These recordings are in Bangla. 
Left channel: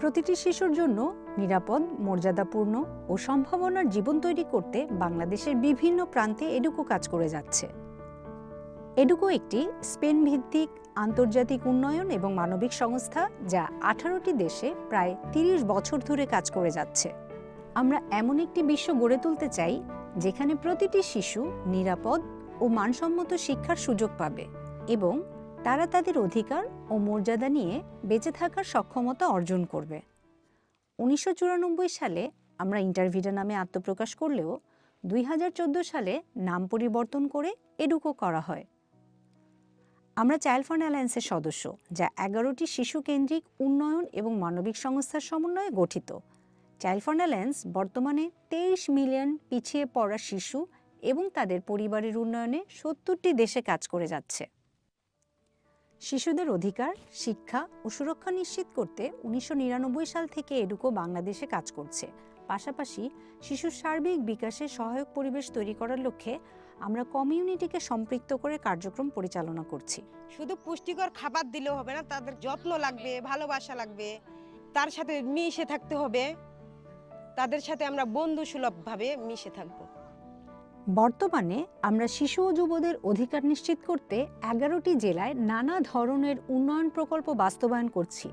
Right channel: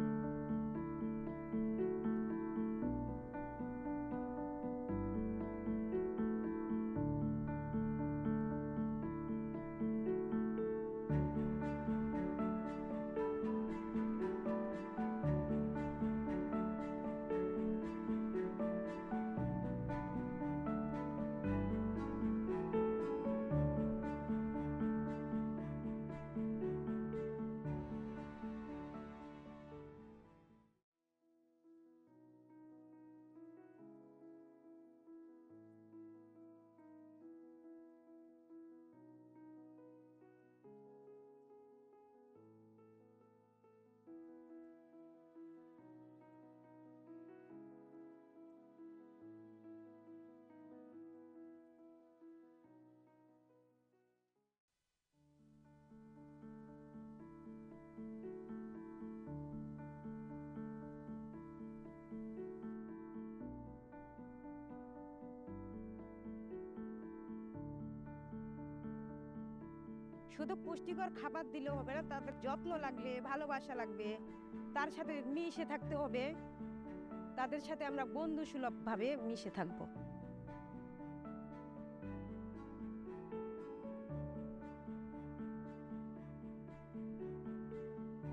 প্রতিটি শিশুর জন্য নিরাপদ, মর্যাদাপূর্ণ ও সম্ভাবনার জীবন তৈরি করতে বাংলাদেশের বিভিন্ন প্রান্তে এডুকো কাজ করে যাচ্ছে। এডুকো একটি স্পেন ভিত্তিক আন্তর্জাতিক উন্নয়ন এবং মানবিক সংস্থা যা 18টি দেশে প্রায় 30 বছর ধরে কাজ করে যাচ্ছে। আমরা এমন একটি বিশ্ব গড়ে তুলতে চাই যেখানে প্রতিটি শিশু নিরাপদ ও মানসম্মত শিক্ষার সুযোগ পাবে এবং তারা তাদের অধিকার ও মর্যাদা নিয়ে বেঁচে থাকার সক্ষমতা অর্জন করবে। 1994 সালে আমরা ইন্টারভিটা নামে আত্মপ্রকাশ করলেও 2014 সালে নাম পরিবর্তন করে এডুকো করা হয়। আমরা চাইল্ড ফান্ড অ্যালায়েন্সের সদস্য, যা 11টি শিশু কেন্দ্রিক উন্নয়ন এবং মানবিক সংস্থার সমন্বয়ে গঠিত। চাইল্ড ফান্ড অ্যালায়েন্স বর্তমানে 23 মিলিয়ন পিছিয়ে পড়া শিশু এবং তাদের পরিবারের উন্নয়নে 70টি দেশে কাজ করে যাচ্ছে। শিশুদের অধিকার, শিক্ষা ও সুরক্ষা নিশ্চিত করতে 1999 সাল থেকে এডুকো বাংলাদেশে কাজ করছে। পাশাপাশি শিশুর সার্বিক বিকাশে সহায়ক পরিবেশ তৈরি করার লক্ষ্যে আমরা কমিউনিটিকে সম্পৃক্ত করে কার্যক্রম পরিচালনা করছি। শুধু পুষ্টিকর খাবার দিলেও হবে না, তাদের যত্ন লাগবে, ভালোবাসা লাগবে, তার সাথে মিশে থাকতে হবে, তাদের সাথে আমরা বন্ধুসুলভভাবে মিশে থাকবো। বর্তমানে আমরা শিশু ও যুবদের অধিকার নিশ্চিত করতে 11টি জেলায় নানা ধরনের উন্নয়ন প্রকল্প বাস্তবায়ন করছি।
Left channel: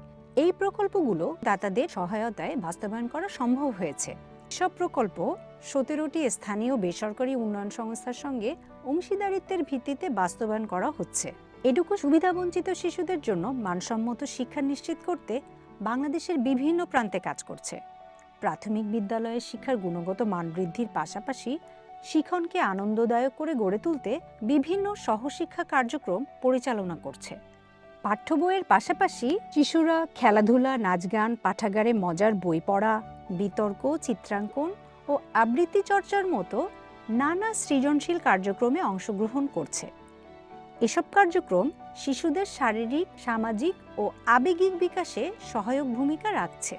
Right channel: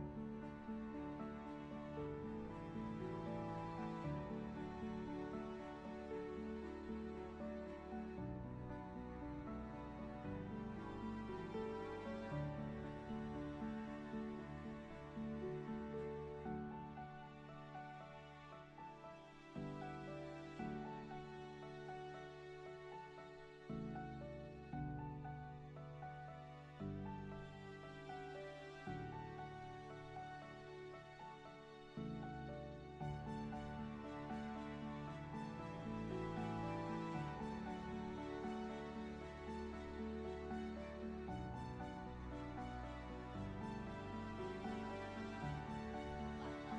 এই প্রকল্পগুলো দাতাদের সহায়তায় বাস্তবায়ন করা সম্ভব হয়েছে। সব প্রকল্প 17টি স্থানীয় বেসরকারি উন্নয়ন সংস্থার সঙ্গে অংশীদারিত্বের ভিত্তিতে বাস্তবায়ন করা হচ্ছে। এডুকো সুবিধাবঞ্চিত শিশুদের জন্য মানসম্মত শিক্ষা নিশ্চিত করতে বাংলাদেশের বিভিন্ন প্রান্তে কাজ করছে। প্রাথমিক বিদ্যালয়ের শিক্ষার গুণগত মান বৃদ্ধির পাশাপাশি শিক্ষণকে আনন্দদায়ক করে গড়ে তুলতে বিভিন্ন সহশিক্ষা কার্যক্রম পরিচালনা করছে। পাঠ্য বইয়ের পাশাপাশি শিশুরা খেলাধুলা, নাচ গান, পাঠাগারে মজার বই পড়া, বিতর্ক, চিত্রাঙ্কন ও আবৃত্তি চর্চার মতো নানা সৃজনশীল কার্যক্রমে অংশগ্রহণ করছে। এসব কার্যক্রম শিশুদের শারীরিক, সামাজিক ও আবেগিক বিকাশে সহায়ক ভূমিকা রাখছে।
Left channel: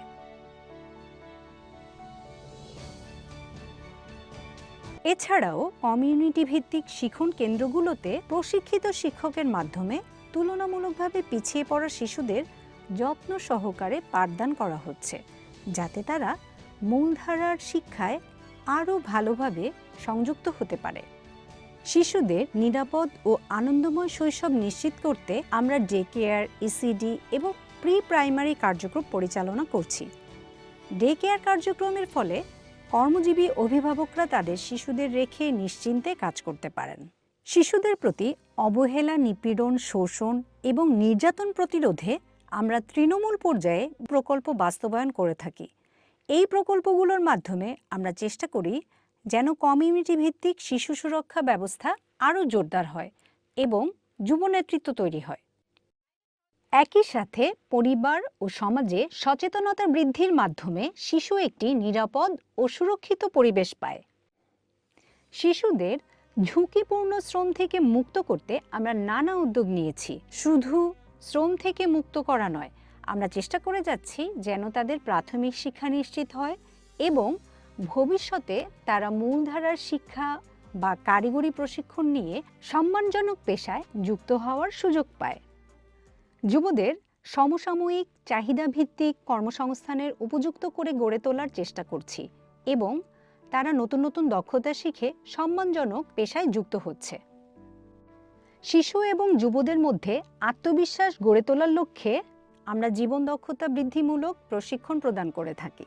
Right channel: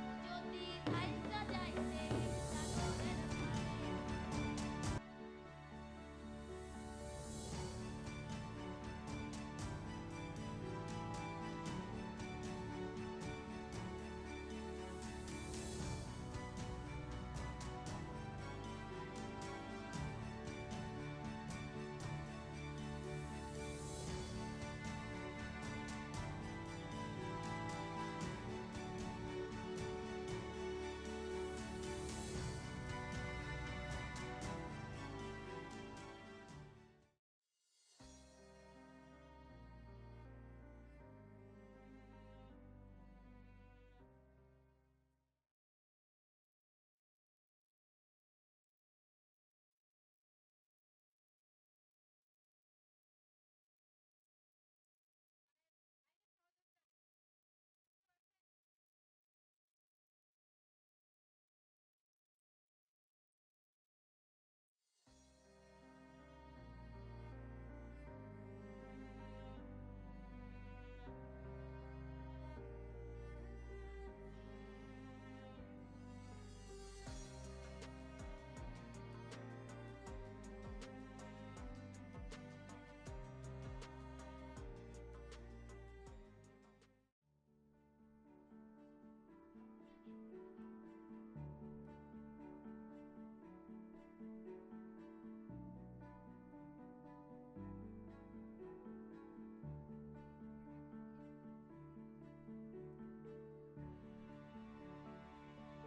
এছাড়াও কমিউনিটি ভিত্তিক শিক্ষণ কেন্দ্রগুলোতে প্রশিক্ষিত শিক্ষকের মাধ্যমে তুলনামূলকভাবে পিছিয়ে পড়া শিশুদের যত্ন সহকারে পাঠদান করা হচ্ছে, যাতে তারা মূলধারার শিক্ষায় আরও ভালোভাবে সংযুক্ত হতে পারে। শিশুদের নিরাপদ ও আনন্দময় শৈশব নিশ্চিত করতে আমরা ডে কেয়ার, ইসিডি এবং প্রি প্রাইমারি কার্যক্রম পরিচালনা করছি। ডে কেয়ার কার্যক্রমের ফলে কর্মজীবী অভিভাবকরা তাদের শিশুদের রেখে নিশ্চিন্তে কাজ করতে পারেন। শিশুদের প্রতি অবহেলা, নিপীড়ন, শোষণ এবং নির্যাতন প্রতিরোধে আমরা তৃণমূল পর্যায়ে প্রকল্প বাস্তবায়ন করে থাকি। এই প্রকল্পগুলোর মাধ্যমে আমরা চেষ্টা করি যেন কমিউনিটি ভিত্তিক শিশু সুরক্ষা ব্যবস্থা আরও জোরদার হয় এবং যুব নেতৃত্ব তৈরি হয়। একই সাথে পরিবার ও সমাজে সচেতনতা বৃদ্ধির মাধ্যমে শিশু একটি নিরাপদ ও সুরক্ষিত পরিবেশ পায়। শিশুদের ঝুঁকিপূর্ণ শ্রম থেকে মুক্ত করতে আমরা নানা উদ্যোগ নিয়েছি। শুধু শ্রম থেকে মুক্ত করা নয়, আমরা চেষ্টা করে যাচ্ছি যেন তাদের প্রাথমিক শিক্ষা নিশ্চিত হয় এবং ভবিষ্যতে তারা মূলধারার শিক্ষা বা কারিগরি প্রশিক্ষণ নিয়ে সম্মানজনক পেশায় যুক্ত হওয়ার সুযোগ পায়। যুবদের সমসাময়িক চাহিদাভিত্তিক কর্মসংস্থানের উপযুক্ত করে গড়ে তোলার চেষ্টা করছি এবং তারা নতুন নতুন দক্ষতা শিখে সম্মানজনক পেশায় যুক্ত হচ্ছে। শিশু এবং যুবদের মধ্যে আত্মবিশ্বাস গড়ে তোলার লক্ষ্যে আমরা জীবন দক্ষতা বৃদ্ধিমূলক প্রশিক্ষণ প্রদান করে থাকি।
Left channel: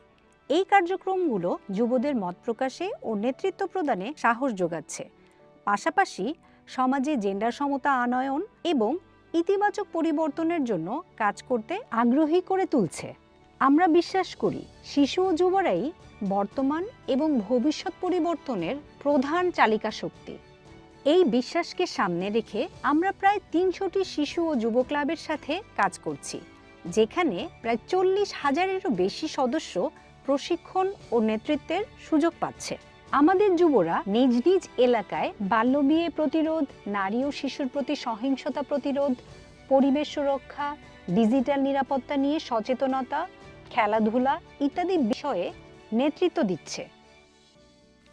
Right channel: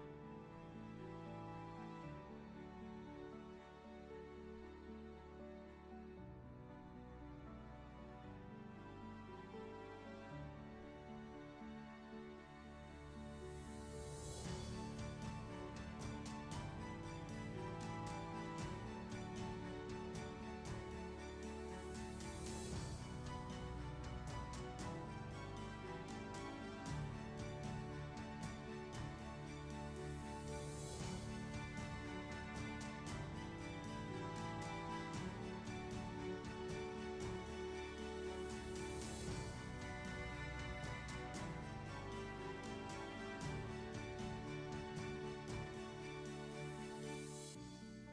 এই কার্যক্রমগুলো যুবদের মত প্রকাশে ও নেতৃত্ব প্রদানে সাহস যোগাচ্ছে, পাশাপাশি সমাজে জেন্ডার সমতা আনয়ন এবং ইতিবাচক পরিবর্তনের জন্য কাজ করতে আগ্রহী করে তুলছে। আমরা বিশ্বাস করি শিশু ও যুবরাই বর্তমান এবং ভবিষ্যৎ পরিবর্তনের প্রধান চালিকা শক্তি। এই বিশ্বাসকে সামনে রেখে আমরা প্রায় 300টি শিশু ও যুব ক্লাবের সাথে কাজ করছি, যেখানে প্রায় 40,000-এরও বেশি সদস্য প্রশিক্ষণ ও নেতৃত্বের সুযোগ পাচ্ছে। আমাদের যুবরা নিজ নিজ এলাকায় বাল্যবিয়ে প্রতিরোধ, নারী ও শিশুর প্রতি সহিংসতা প্রতিরোধ, পরিবেশ সুরক্ষা, ডিজিটাল নিরাপত্তা নিয়ে সচেতনতা, খেলাধুলা ইত্যাদি বিষয়ে নেতৃত্ব দিচ্ছে।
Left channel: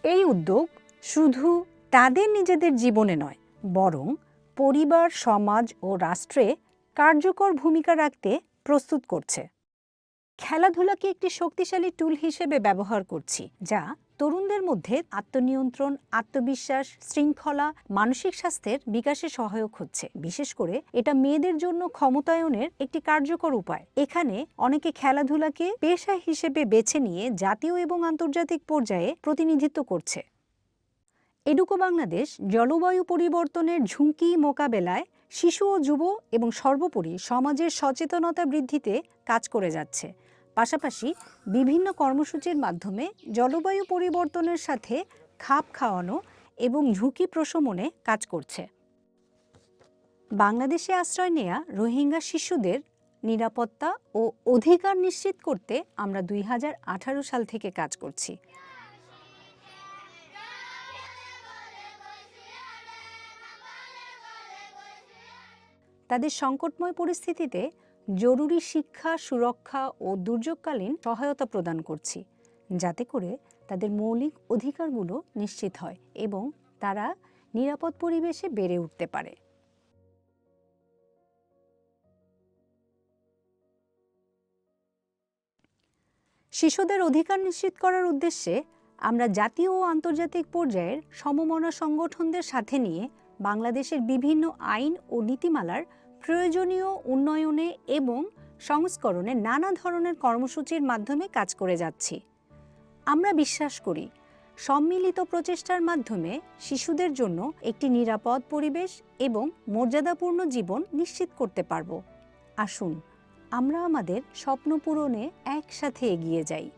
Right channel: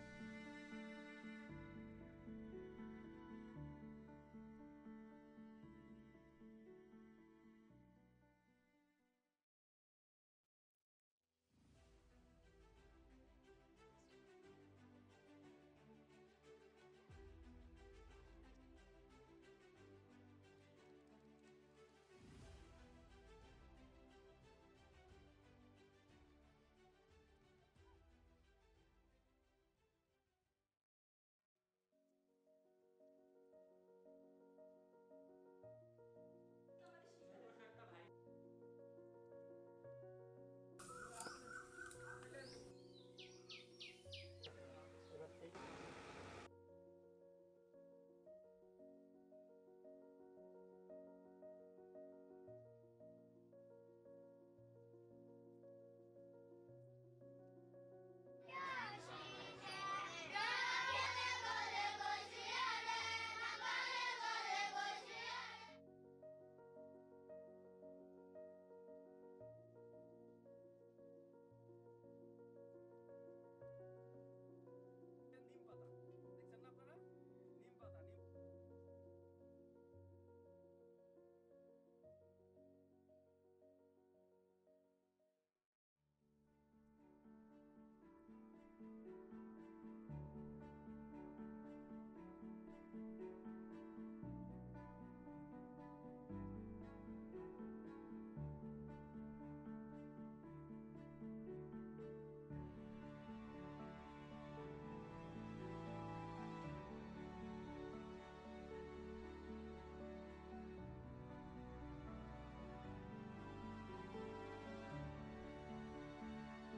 এই উদ্যোগ শুধু তাদের নিজেদের জীবনে নয়, বরং পরিবার, সমাজ ও রাষ্ট্রে কার্যকর ভূমিকা রাখতে প্রস্তুত করছে। খেলাধুলাকে একটি শক্তিশালী টুল হিসেবে ব্যবহার করছি, যা তরুণদের মধ্যে আত্মনিয়ন্ত্রণ, আত্মবিশ্বাস, শৃঙ্খলা, মানসিক স্বাস্থ্যের বিকাশে সহায়ক হচ্ছে। বিশেষ করে এটা মেয়েদের জন্য ক্ষমতায়নের একটি কার্যকর উপায়। এখানে অনেকে খেলাধুলাকে পেশা হিসেবে বেছে নিয়ে জাতীয় এবং আন্তর্জাতিক পর্যায়ে প্রতিনিধিত্ব করছে। এডুকো বাংলাদেশ জলবায়ু পরিবর্তনের ঝুঁকি মোকাবেলায় শিশু ও যুব এবং সর্বোপরি সমাজের সচেতনতা বৃদ্ধিতে কাজ করে যাচ্ছে। পাশাপাশি বিভিন্ন কর্মসূচির মাধ্যমে জলবায়ু পরিবর্তনের সাথে খাপ খাওয়ানো এবং ঝুঁকি প্রশমনে কাজ করছে। বাংলাদেশে আশ্রয় নেয়া রোহিঙ্গা শিশুদের নিরাপত্তা ও অধিকার নিশ্চিত করতে আমরা 2018 সাল থেকে কাজ করছি। তাদের সংকটময় পরিস্থিতিতে জরুরি শিক্ষা, সুরক্ষা ও দুর্যোগকালীন সহায়তা প্রদান করছি, যাতে করে তাদের মৌলিক অধিকারগুলো নিশ্চিত হয় এবং তারা নিরাপদ পরিবেশে বেড়ে উঠতে পারে। শিশুদের অধিকার নিশ্চিত করার উদ্দেশ্যে আমরা জাতীয় ও আন্তর্জাতিক পর্যায়ের সমমনা সংগঠনদের সাথে নিয়ে বাংলাদেশের বিভিন্ন আইন ও নীতিমালার প্রয়োজনীয় উন্নয়নে এবং সংস্করণে নানা ধরনের কর্মসূচির মাধ্যমে কাজ করে যাচ্ছি। আমরা বিশ্বাস করি, সম্মিলিত প্রচেষ্টার মাধ্যমে শিশুদের জন্য একটি নিরাপদ পরিবেশ এবং মর্যাদাপূর্ণ জীবন নিশ্চিত করতে পারব। আসুন আমরা আমাদের স্বপ্ন পূরণে একসাথে এগিয়ে যাই।